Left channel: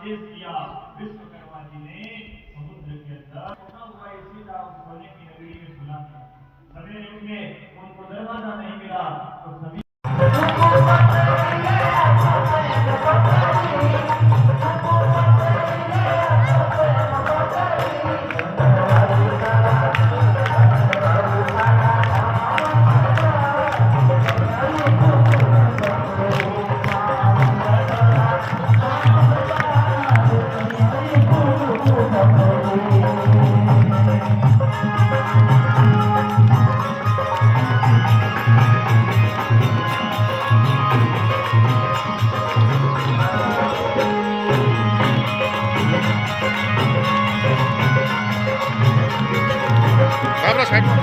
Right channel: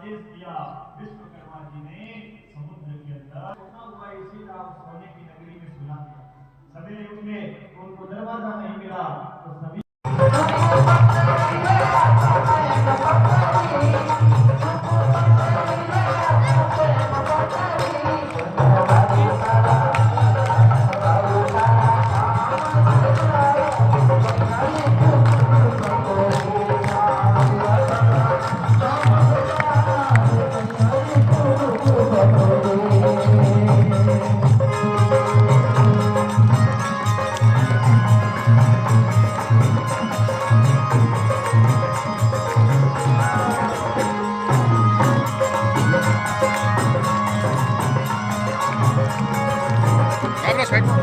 आदेश दिया विश्वकर्मा जी ने समुद्र के अंदर सोना हुआ इसी तरह सोने की नगरी में सुला दिया। सवेरे उठे उनको दरवाजा नहीं मिला तो सभी Abra साइड में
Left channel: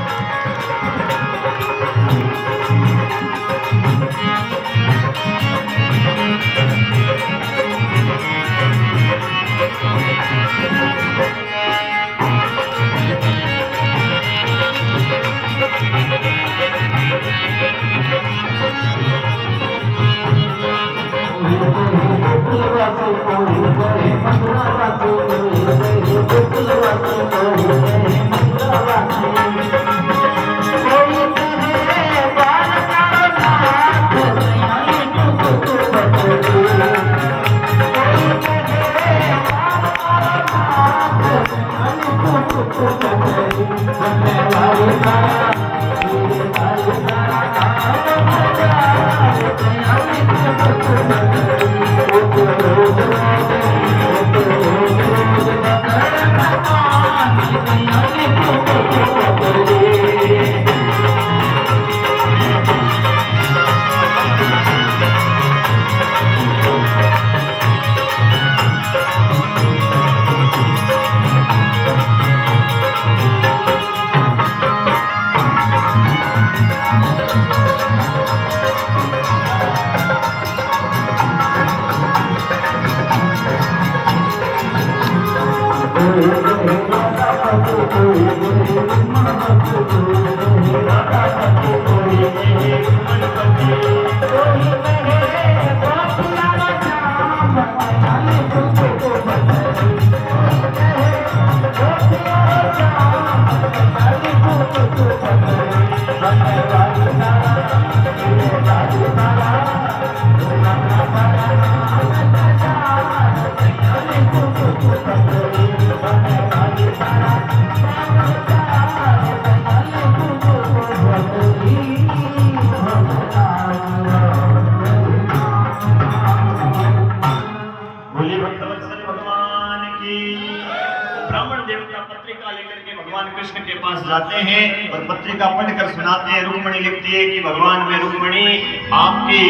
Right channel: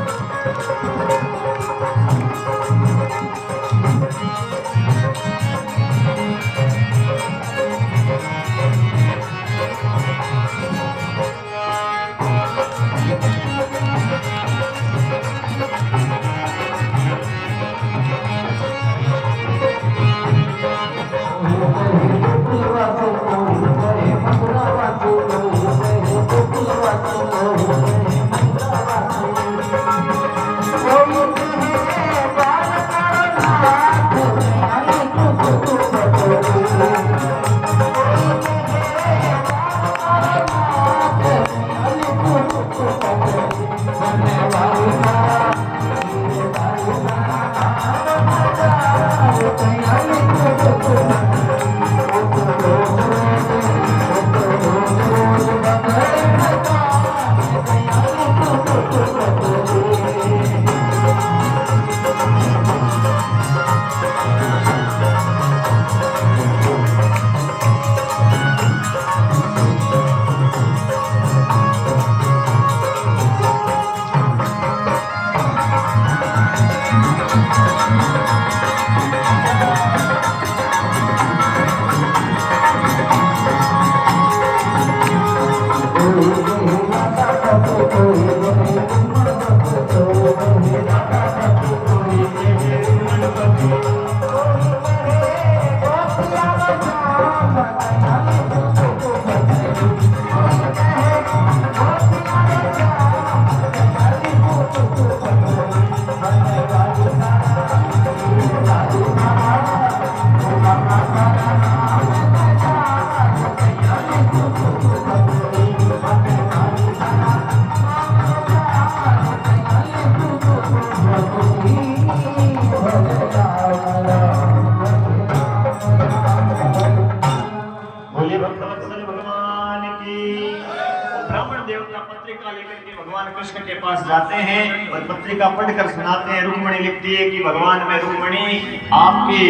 कृष्ण के पास जाते हैं और पत्रिका पढ़कर सुनाते हैं। रुक्मिणी लिखती है कि भगवान मैं रुक्मिणी आपकी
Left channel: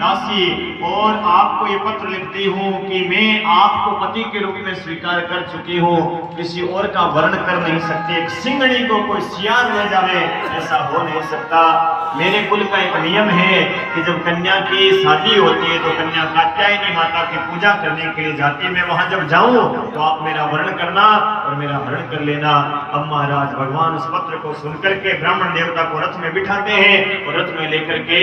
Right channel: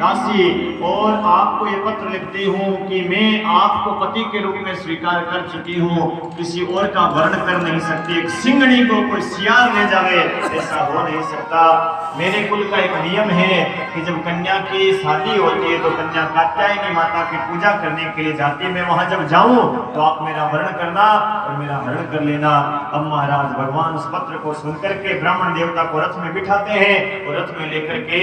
दासी और आपको ये पत्र लिखती हूँ कि मैं आपको पति के रूप में स्वीकार कर चुकी हूँ, किसी और का वर्ण कर नहीं सकती। एक सिंगड़ी को कोई सियार ले जावे ऐसा हो नहीं सकता। मेरे कुल का एक नियम है कि जब कन्या की शादी होती है तो कन्या कात्यायनी माता की पूजा करने के लिए जाती है। मैं वहां जब जाऊं तो आप मेरा वर्ण करना और मेरा हरण कर लेना। अब महाराज भगवान उस पत्र को सुनकर के ब्राह्मण देवता को रथ में बिठाते हैं और रथ में लेकर के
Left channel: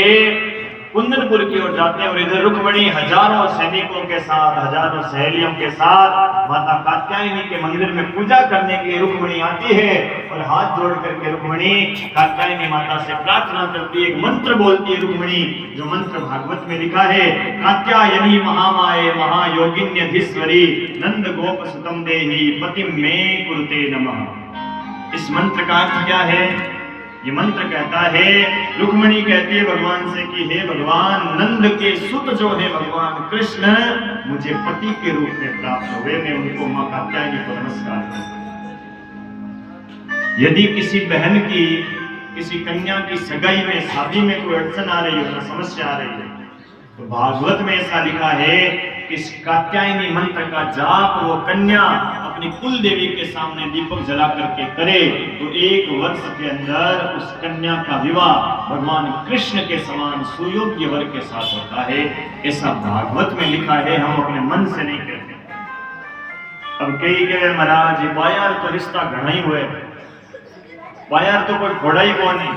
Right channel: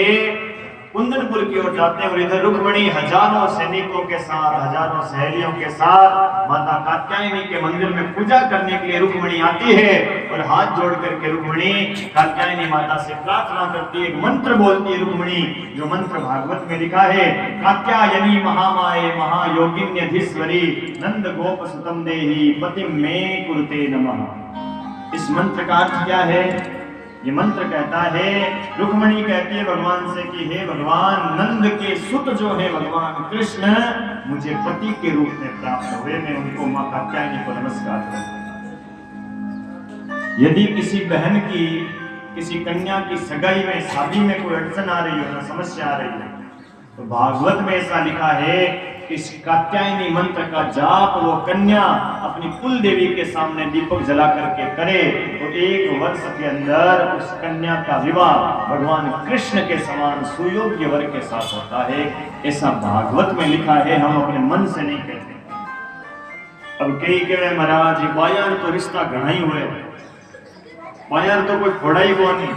कुंदनपुर की ओर जाते हैं। और इधर रुक्मिणी हजारों सैनिकों के साथ, हजारों सहेलियों के साथ माता कात्यायनी के मंदिर में पूजा करने के लिए रुक्मिणी आती है और हाथ जोड़ करके रुक्मिणी कात्यायनी माता से प्रार्थना करती है। एक मंत्र बोलती है रुक्मिणी, जो मंत्र भागवत में लिखा है, कात्यायनी महामाये महायोगिन्यधीश्वरी नंद गोप सुतम देहि पतिम मे कुरुते नमः। इस मंत्र का अर्थ क्या है? ये मंत्र कहता है, रुक्मिणी कहती है भगवान से कि हे भगवान, नंद के सुत जो है भगवान कृष्ण मुझे पति के रूप में प्राप्त हुए, मैं उनको मां कात्यायनी को नमस्कार करता हूं। यदि किसी बहन की, किसी कन्या की सगाई में, शादी में कोई अड़चन आ रही हो, समस्या आ रही है, तो भागवत में ऐसा लिखा है कि इस कात्यायनी मंत्र का जाप वो कन्या अपनी कुल देवी के सामने दीपक जला करके करे तो 1 वर्ष के अंदर उस कन्या का विवाह भगवान कृष्ण के समान सुयोग्य वर के साथ होता है। ऐसा भागवत में लिखा है, हम अपने मन से नहीं कहते। अब कई कहे महाराज बायार तो रिश्ता घना ही हुए, बायार तो कोई फोड़ा ही को नहीं,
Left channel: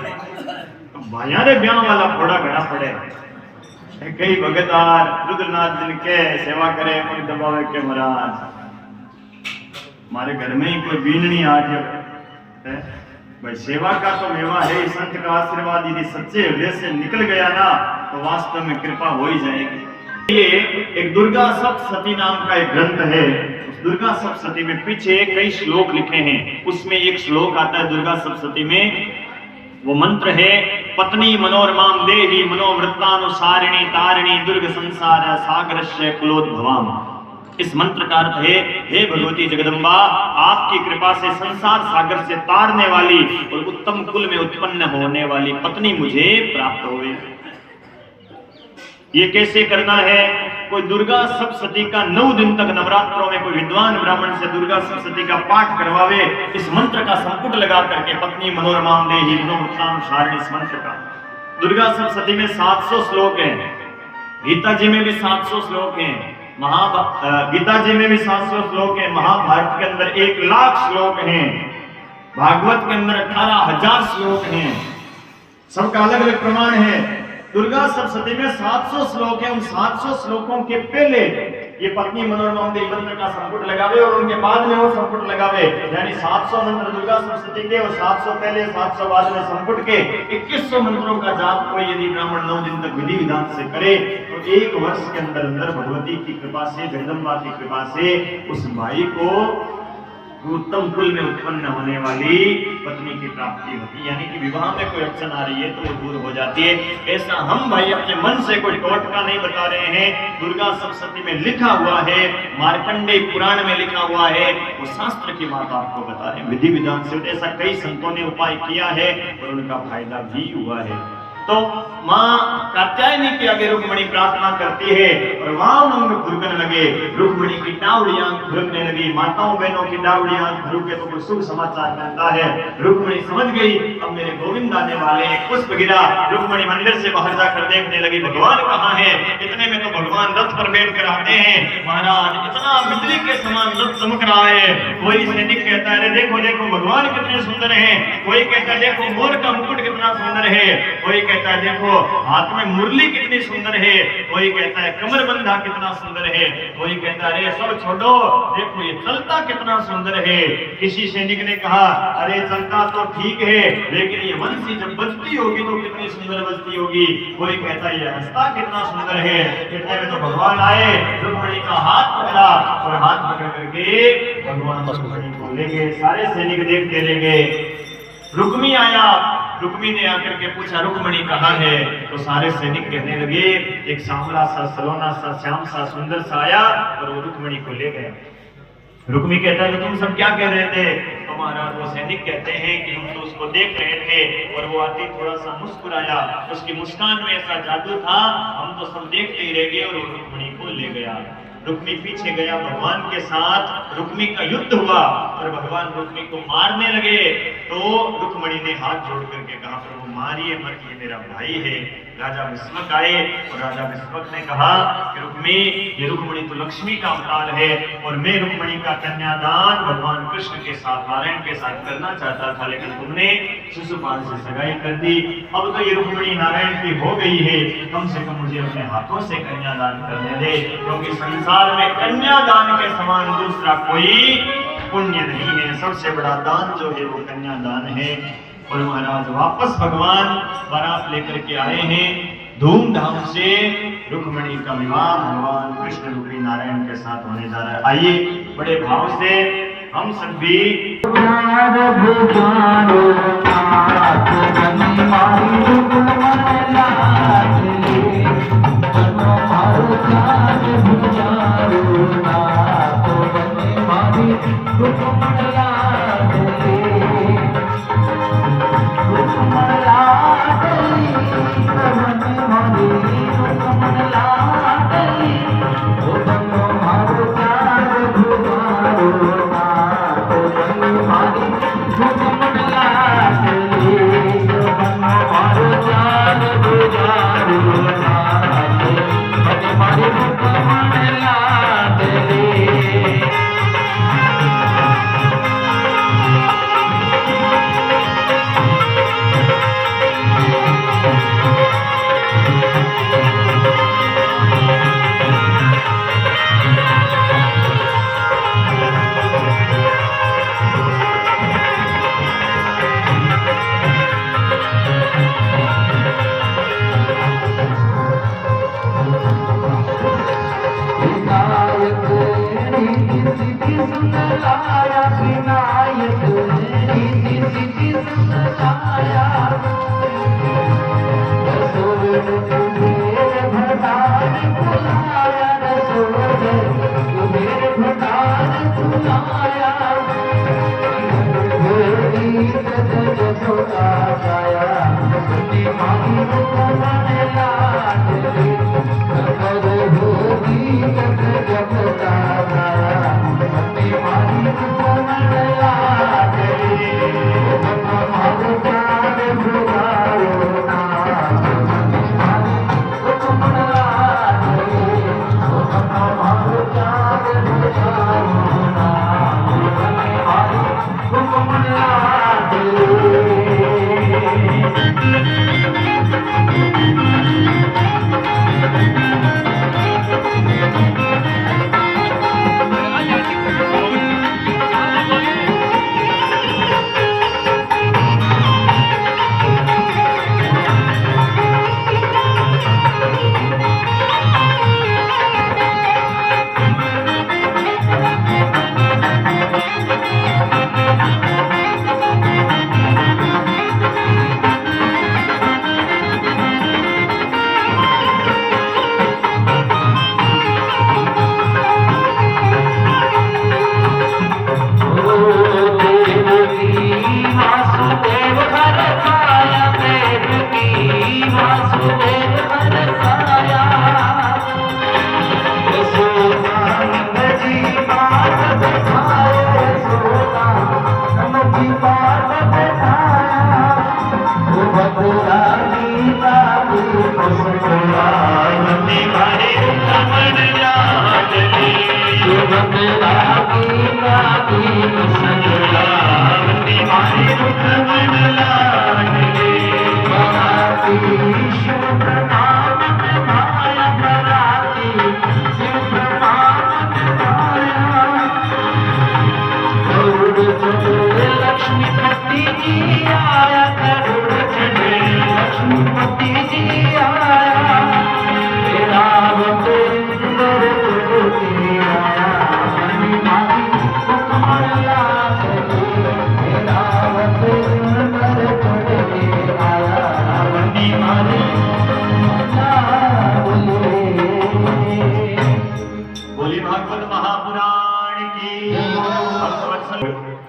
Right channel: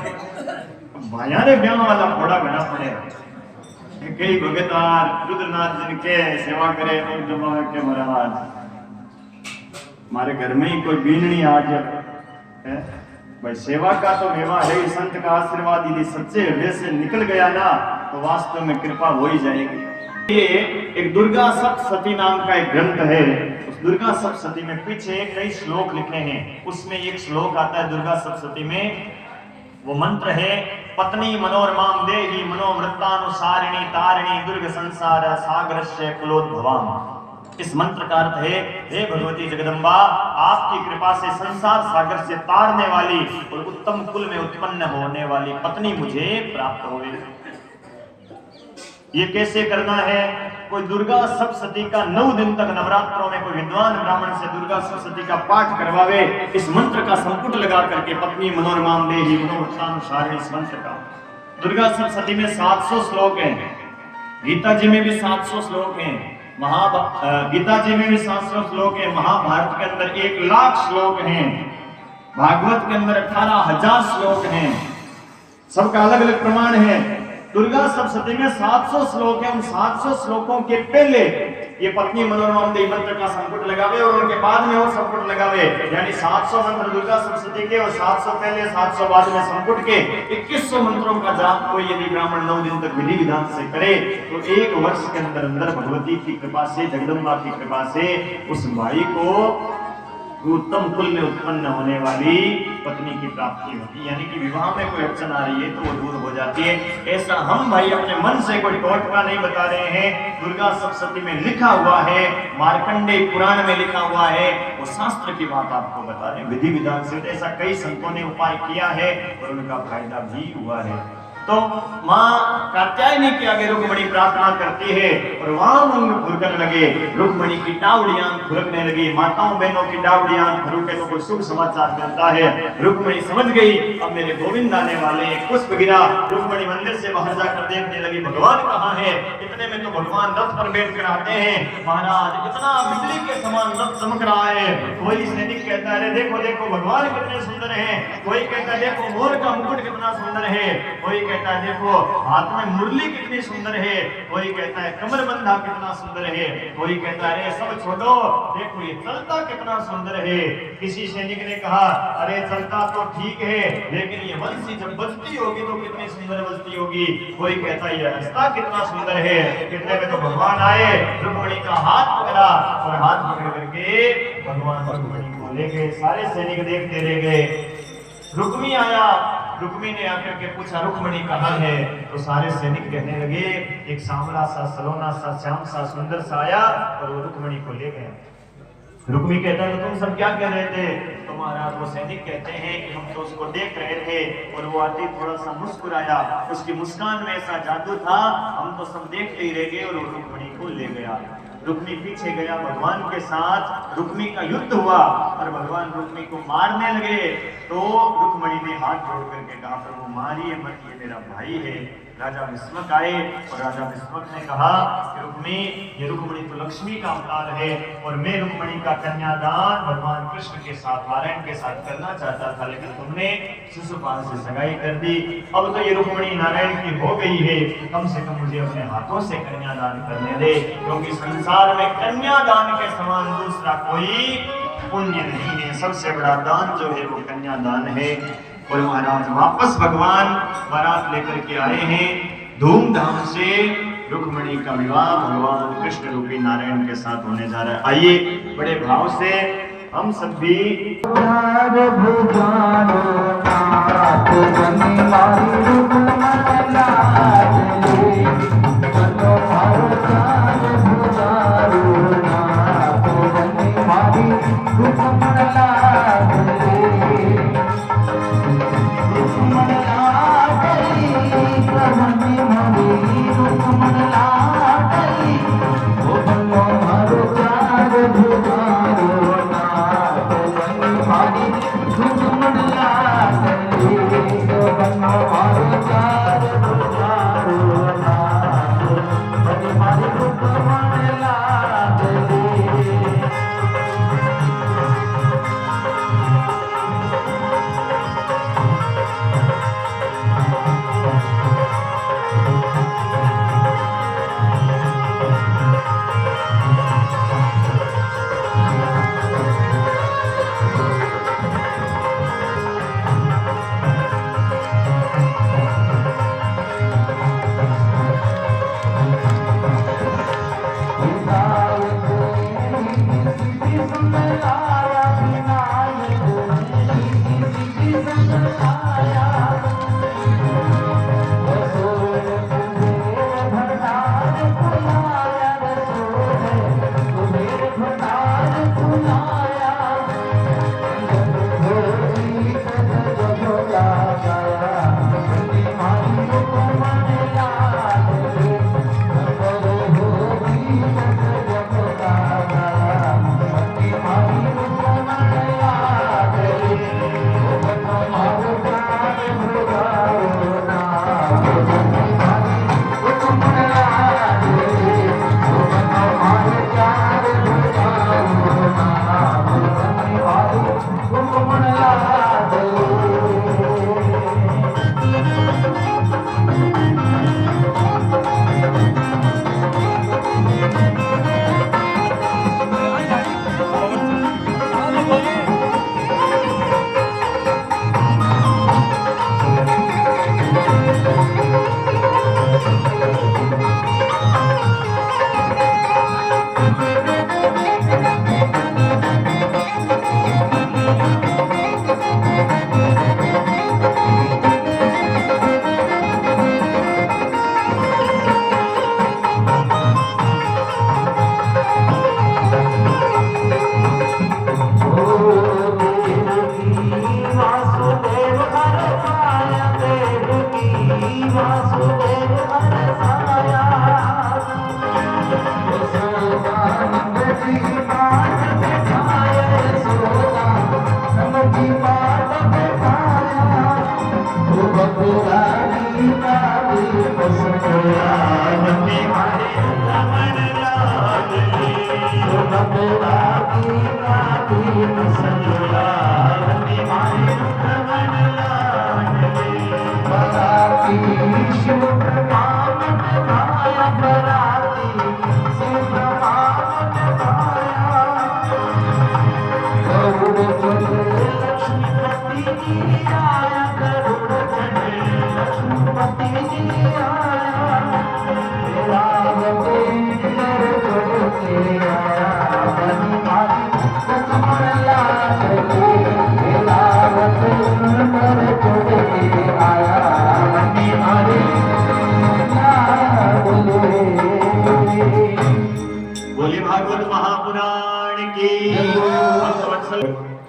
बायारे ब्याह वाला फोड़ा घना पड़े। कई भगतार रुद्रनाथ जिनके सेवा करे कोई दबावे के महाराज हमारे घर में ही कोई बीननी आज है भाई सेवा का तो विवाह है। संत का आशीर्वाद यदि सच्चे हृदय से निकल गया ना तो वास्तव में कृपा हो ही जाएगी। ये एक दुर्गा सप्तशती नाम का एक ग्रंथ है। उस दुर्गा सप्तशती में पीछे कई श्लोक लिखे हैं, उसमें एक श्लोक आता है दुर्गा सप्तशती में, वो मंत्र है पत्नी मनोरमाम देहि मनोवृत्तानुसारिणी तारिणी दुर्ग संसार सागरस्य कुलोद्भवाम। इस मंत्र का अर्थ है, हे भगवती जगदम्बा, आपकी कृपा से संसार सागर से तारने वाली और उत्तम कुल में उत्पन्न होने वाली पत्नी मुझे प्राप्त होवे। ये कैसे करना है? कोई दुर्गा सप्तशती का 9 दिन तक नवरात्रों में कोई विद्वान ब्राह्मण से दुर्गा सप्तशती का पाठ करवावे, इस मंत्र का संपुट लगा करके पत्नी मनोरमाम देहि मनोवृत्तानुसारिणी इस मंत्र का। दुर्गा सप्तशती में 700 श्लोक हैं, गीता जी में भी 700 श्लोक हैं, गीता जी में भी 700 श्लोक है, महाभारत के अंदर 1 लाख श्लोक हैं, भागवत के अंदर 18,000 श्लोक हैं, सबका अलग अलग प्रमाण है। दुर्गा सप्तशती में 700 श्लोक है। उन 700 श्लोकों के पहले ये पत्नी मनोरमाम देहि मंत्र का संपुट लगावे और उनके बाद में वो संपुट लगावे, यानी 700 मंत्र दुर्गा सप्तशती के और 700 पहले 700 बाद में संपुट के 2100 मंत्रों का जाप कोई यदि ब्राह्मण 9 दिन तक विधि विधान से करे तो 1 वर्ष के अंदर अंदर भगवती की कृपा से, जगदम्बा की कृपा से उस भाई को उत्तम कुल में उत्पन्न होने वाली पत्नी की प्राप्ति होती है। यानी कि विवाह में कोई अड़चन आ रही है तो वो दूर हो जाती है। ऐसा हम भाई अपने मन से कोई टोटका नहीं बता रहे हैं, दुर्गा सप्तशती में लिखा हुआ है, मार्कंडेय पुराण में लिखा हुआ है, वो शास्त्र की बात आपको बता रहे हैं विधि विधान से। ऐसा कई संतों ने उपाय किया है और उनका फायदा भी हुआ है। तो माँ कात्यायनी के आगे रुक्मिणी प्रार्थना करती है और वाम अंग खुरकने लगे, रुक्मिणी की डावड़ियां खुरकने लगी। माताओं बहनों की डावड़ियां खुरके तो कोई शुभ समाचार मिलता है। रुक्मिणी समझ गई अब मेरे गोविंद आने वाले हैं। पुष्प गिरा, रुक्मिणी मंदिर से बाहर जाकर देखने लगी भगवान कहाँ है। इतने में तो भगवान रथ पर बैठ कर आते हैं। महाराज इतना बिजली के समान रथ चमक रहा है। कोई सैनिक कहता है देखो देखो भगवान कितने सुंदर है, कोई कहता है देखो मोर का मुकुट कितना सुंदर है, कोई कहता है देखो हाथ में मुरली कितनी सुंदर है, कोई कहता है कमरबंधा कितना सुंदर है, कोई कहता है अरे सब छोड़ो देखो ये चलता कितना सुंदर है। किसी सैनिक ने कहा अरे चलता तो ठीक है लेकिन ये बंसी जब बजती होगी तो कितनी सुंदर बजती होगी। कोई कहता है ये हंसता कितना सुंदर है। कहते हैं तो भगवान आए, रुक्मिणी का हाथ पकड़ा और हाथ पकड़ करके भगवान बोलेंगे। सारे सैनिक देखते रह गए। रुक्मी आया, रुक्मी ने आकर के पूछा रुक्मिणी कहाँ है, तो सारे सैनिक कहने लगे एक सांवला सा सलोना सा श्याम सा सुंदर सा आया और वो रुक्मिणी को ले गया। रुक्मी कहता है तुम सब क्या कह रहे थे? तो महाराज वो सैनिक कहते हैं कि हम तो उसको देख रहे थे और वो आती थोड़ा सा मुस्कुराया, उसकी मुस्कान में ऐसा जादू था हम तो सब देखते ही रह गए और वो रुक्मिणी को ले गया। रुक्मी पीछे गया, भगवान के साथ रुक्मी का युद्ध हुआ और भगवान रुक्मी को मारने लगे तो रुक्मिणी ने हाथ जोड़ करके कहा प्रभु मारिए मत, ये मेरा भाई है। राजा विस्मक आए और राजा विस्मक ने कहा कि रुक्मी ये रुक्मिणी तो लक्ष्मी का अवतार है और मैं रुक्मिणी का कन्यादान भगवान कृष्ण के साथ नारायण के साथ करना चाहता था लेकिन तुमने शिशुपाल से सगाई कर दी। अब तो ये रुक्मिणी नारायण की हो गई है, कम से कम मुझे अपने हाथों से कन्यादान करने दे, क्योंकि संसार में कन्यादान के समान दूसरा कोई पुण्य नहीं है। सबसे बड़ा दान जो है वो कन्यादान है। और महाराज वापस भगवान बारात लेकर के आए हैं, धूमधाम से रुक्मिणी का विवाह भगवान कृष्ण रूपी नारायण के साथ होने जा रहा है। आइए बड़े भाव से हम सब भी Bye.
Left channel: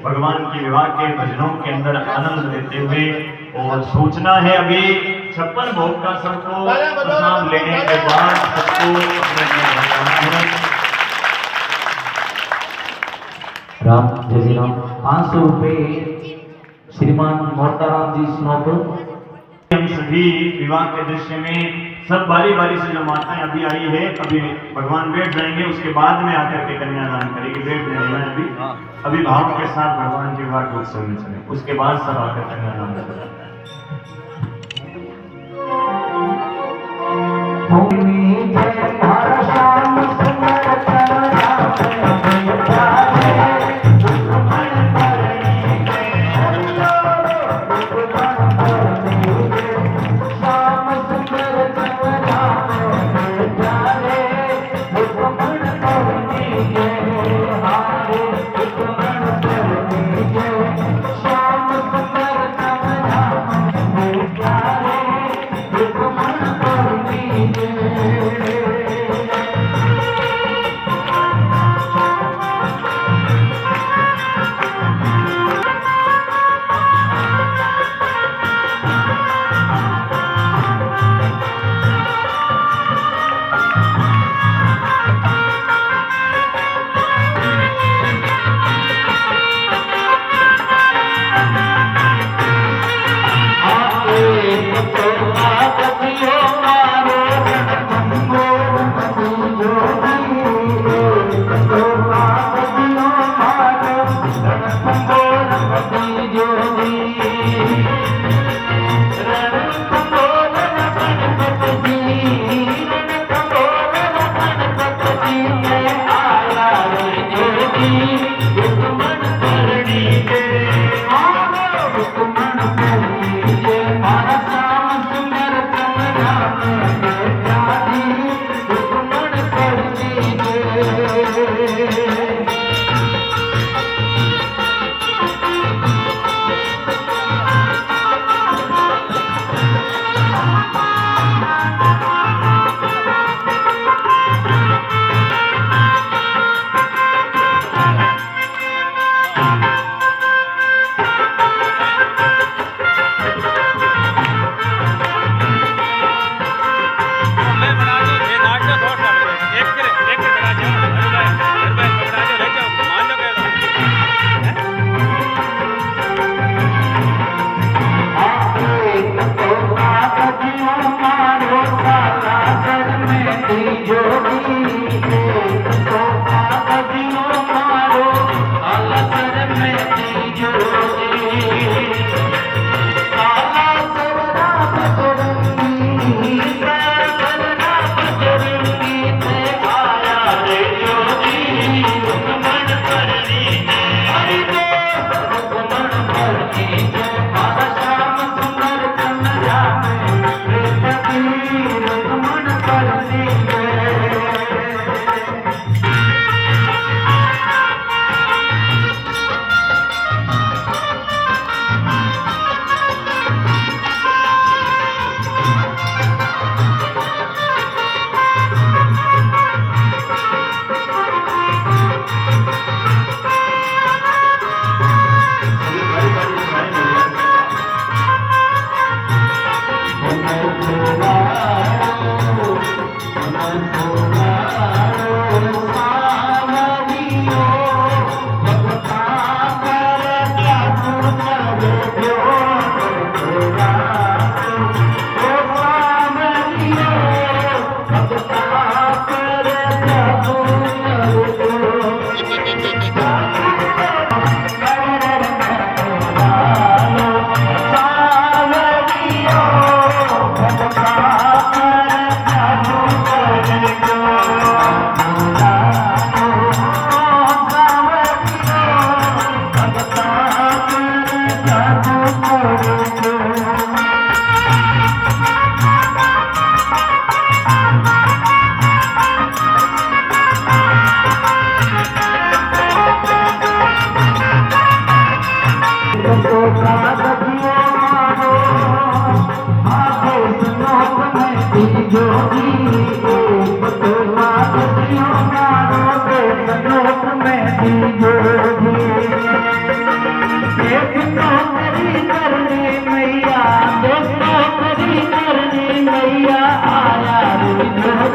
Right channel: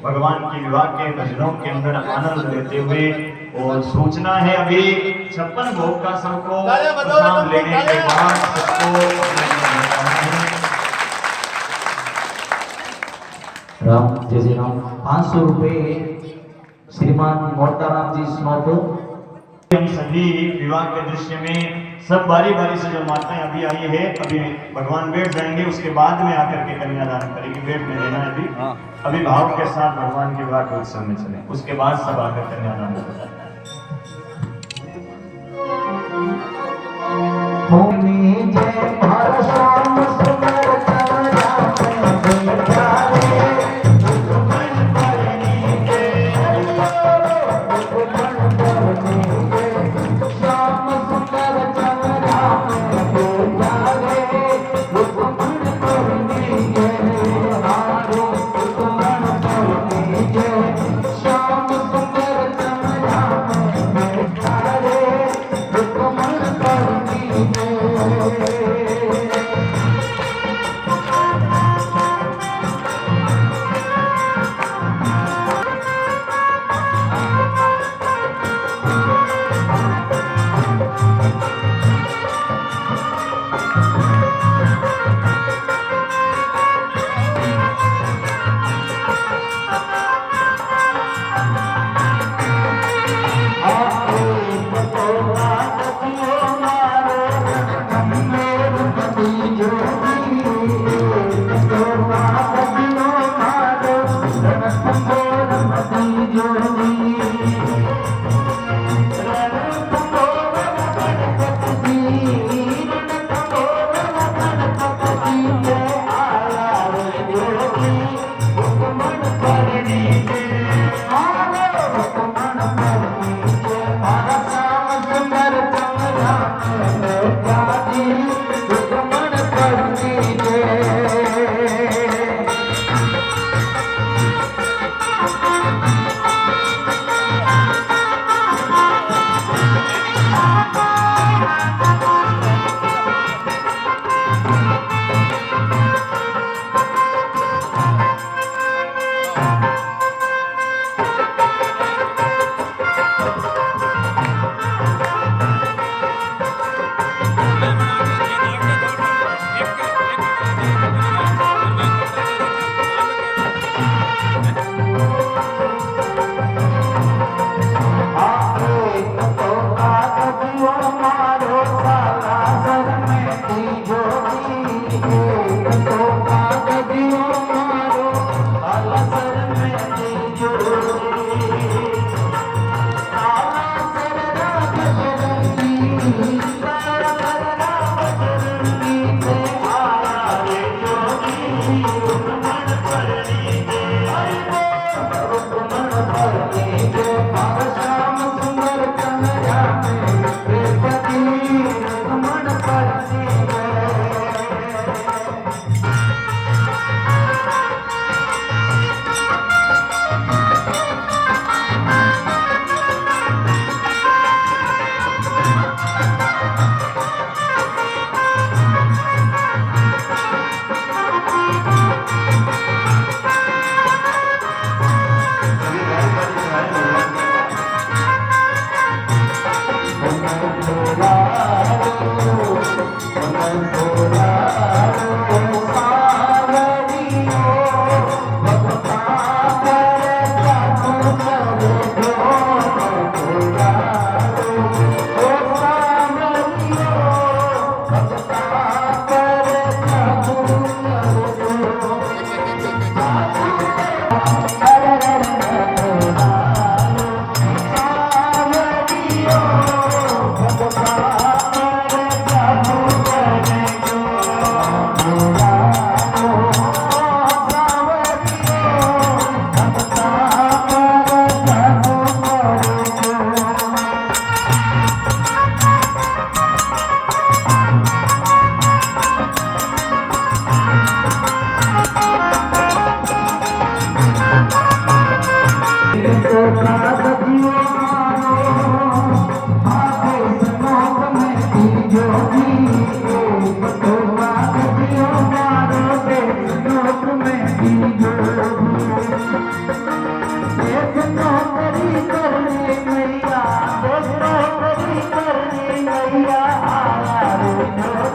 भगवान के विवाह के भजनों के अंदर आनंद लेते हुए। और सूचना है अभी 56 भोग का सबको प्रसाद लेने के बाद सबको राम जय श्री राम। 500 रुपये श्रीमान मोहताराम जी स्नोप। हम सभी विवाह के दृश्य में सब बारी बारी से जो माताएं अभी आई है, अभी भगवान बैठ जाएंगे, उसके बाद में आकर के कन्यादान करेंगे। बैठ नहीं लेना है अभी भाव के साथ भगवान के विवाह के उत्सव में चले, उसके बाद सब आकर कन्यादान करेंगे। जोगी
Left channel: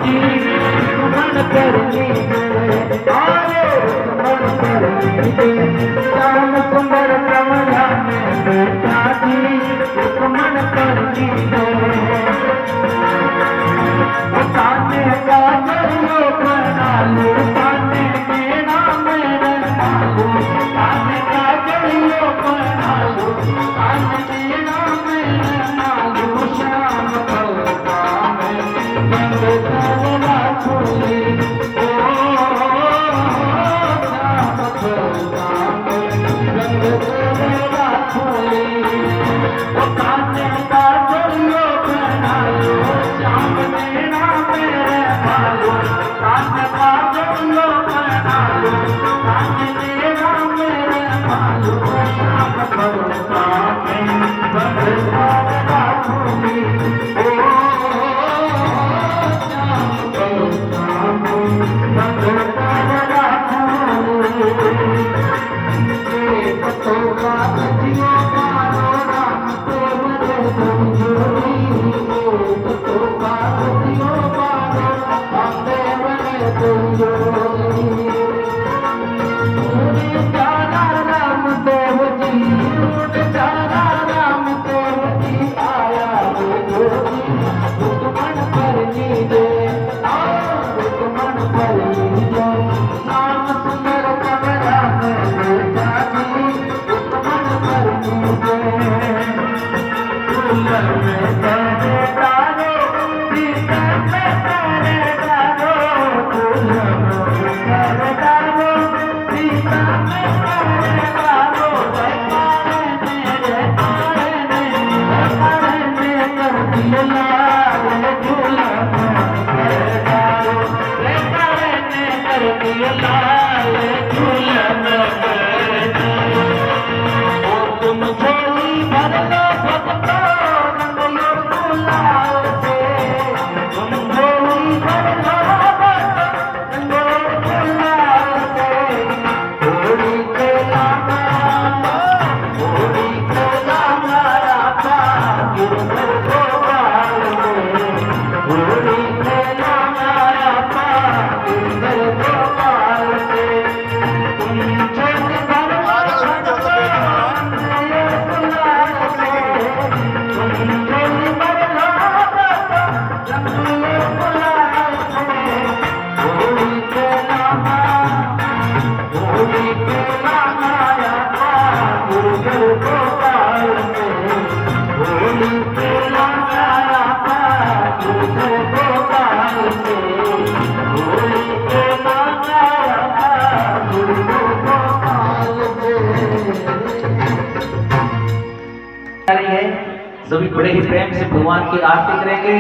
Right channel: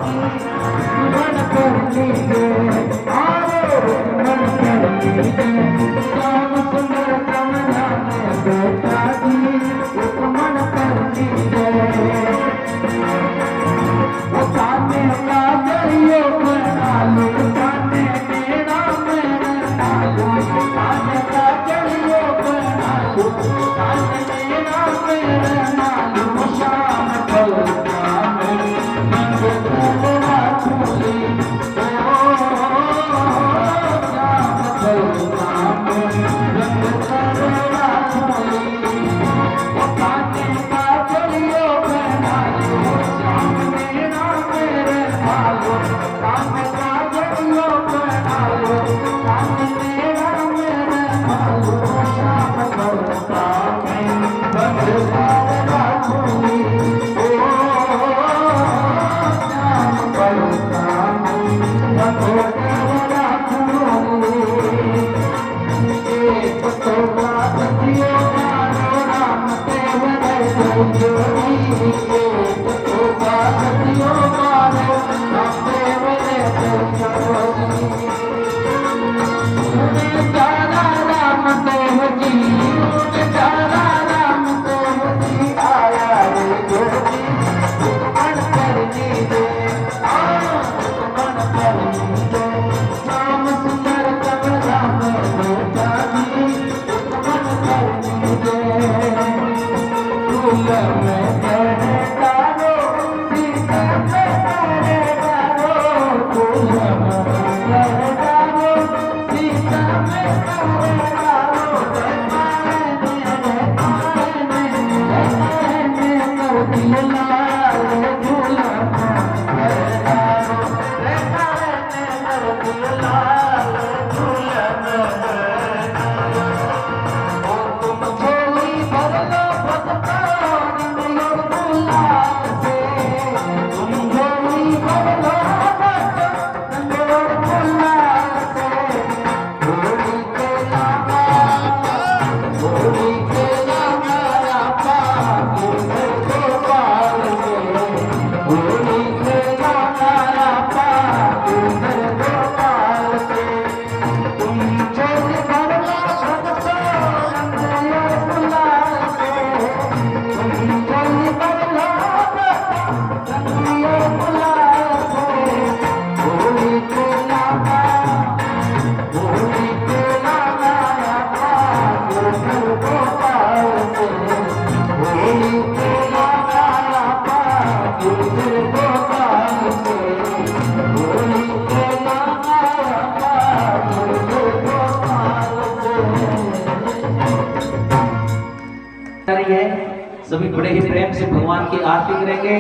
जी रुक्मण करनी दे अरे रुक्मण करनी दे श्याम सुंदर कमला में बैठा जी रुक्मण करनी दे ताने का जरियो बना लो ताने मेरा मेरे नालो ताने का जरियो बना लो ताने मेरा मेरे नालो श्याम कलका में रंग करवा छोली ओ श्याम कलका में रंग करवा छोली ताने का जरियो बना लो श्याम मेरा मेरे नालो ताने का जरियो बना लो ताने मेरा मेरे नालो श्याम कलका में रंग करवा छोली ओ श्याम कलका में रंग करवा छोली एक तो बात जियो मारो राम देव रे संजोरी एक तो बात जियो मारो राम देव रे संजोरी तूने जाना राम देव जी तूने जाना राम देव जी आया रे जोगी रुक्मण करनी दे रुक्मण करनी दे श्याम सुंदर कमला में बैठा जी रुक्मण करनी दे फूल में तेरे तारो सीता में तेरे तारो फूल में तेरे तारो सीता में तेरे तारो मेरे तारे ने कर दिया लाल फूल में तेरे तारो तारे ने कर दिया लाल फूल में तेरे तारो तुम झोली भर लो भगतो रंग लो गुलाल से तुम झोली भर लो भगतो रंग लो गुलाल से होली के लामा राधा गिरधर गोपाल से होली के लामा राधा गिरधर गोपाल से तुम झोली भर लो भगतो रंग लो गुलाल से तुम झोली भर लो भगतो रंग लो गुलाल से होली के लामा राधा गिरधर गोपाल से होली के लामा राधा गिरधर गोपाल से होली के लामा राधा गिरधर गोपाल से सभी बड़े ही प्रेम से भगवान की आरती करेंगे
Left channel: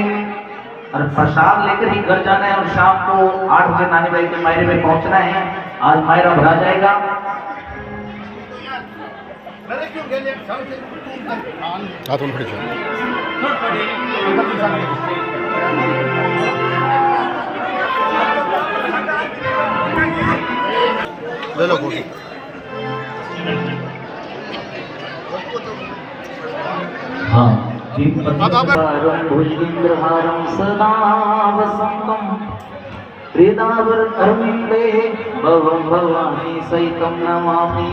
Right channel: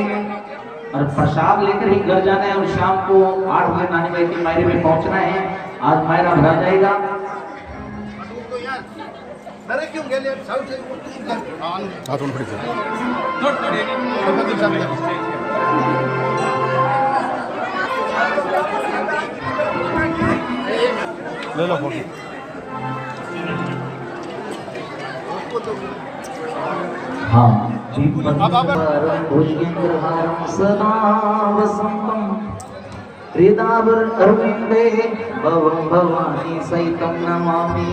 और प्रसाद लेकर ही घर जाना है और शाम को 8 बजे नानी भाई के मायरे में पहुंचना है। आज मायरा भरा जाएगा। हाथून खड़ी ले लो गोभी। हाँ भुजगेन्द्रहारं सदा वसन्तं हृदावरविन्दे भवं भवानी सहितं नमामि।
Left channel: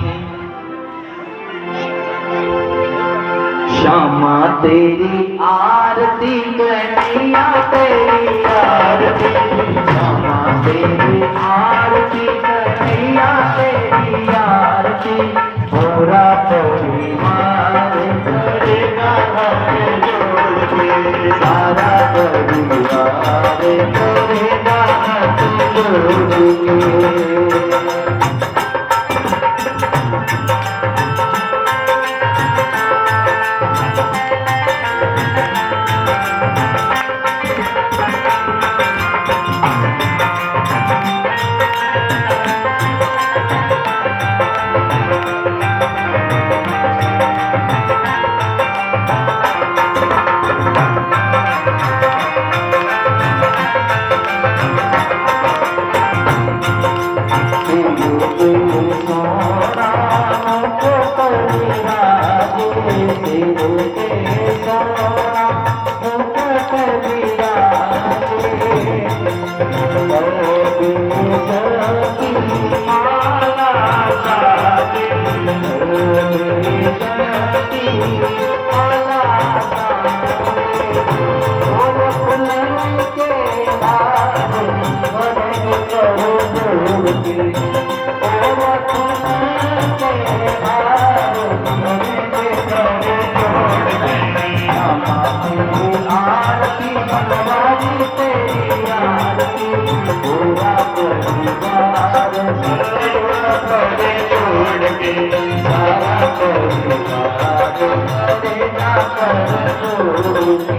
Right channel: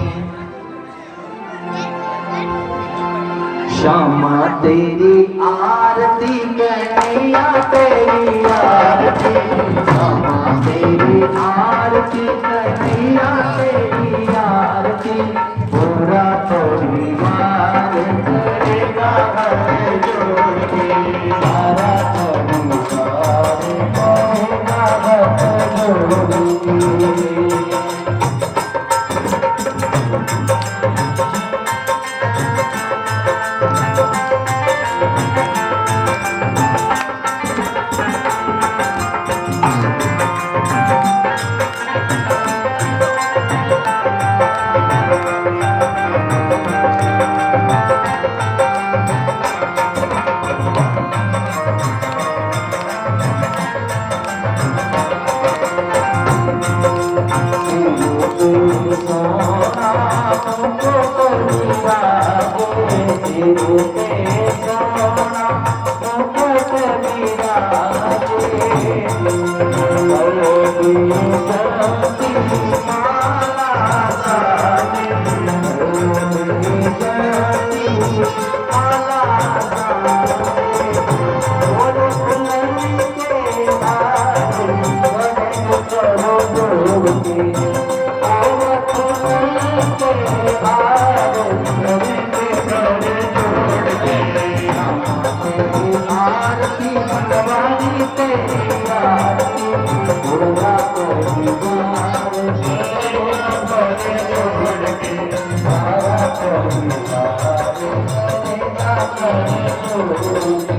श्यामा तेरी आरती कन्हैया तेरी आरती श्यामा तेरी आरती कन्हैया तेरी आरती पूरा परिवार करेगा हाथ जोड़े सारा परिवार करेगा हाथ जोड़े। पूरा परिवार छोड़ के सारा परिवार तेरा कर छोड़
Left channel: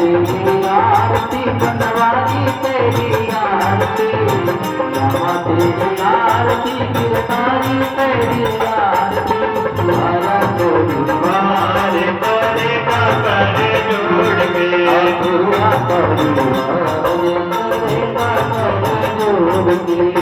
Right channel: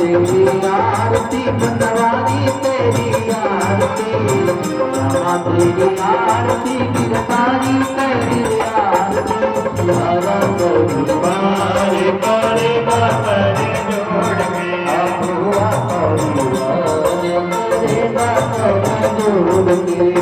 तेरी आरती बनवारी तेरी आरती रामा तेरी आरती गिरधारी तेरी आरती तुम्हारा परिवार करेगा कर जोड़ के पूरा परिवार करेगा कर जोड़ के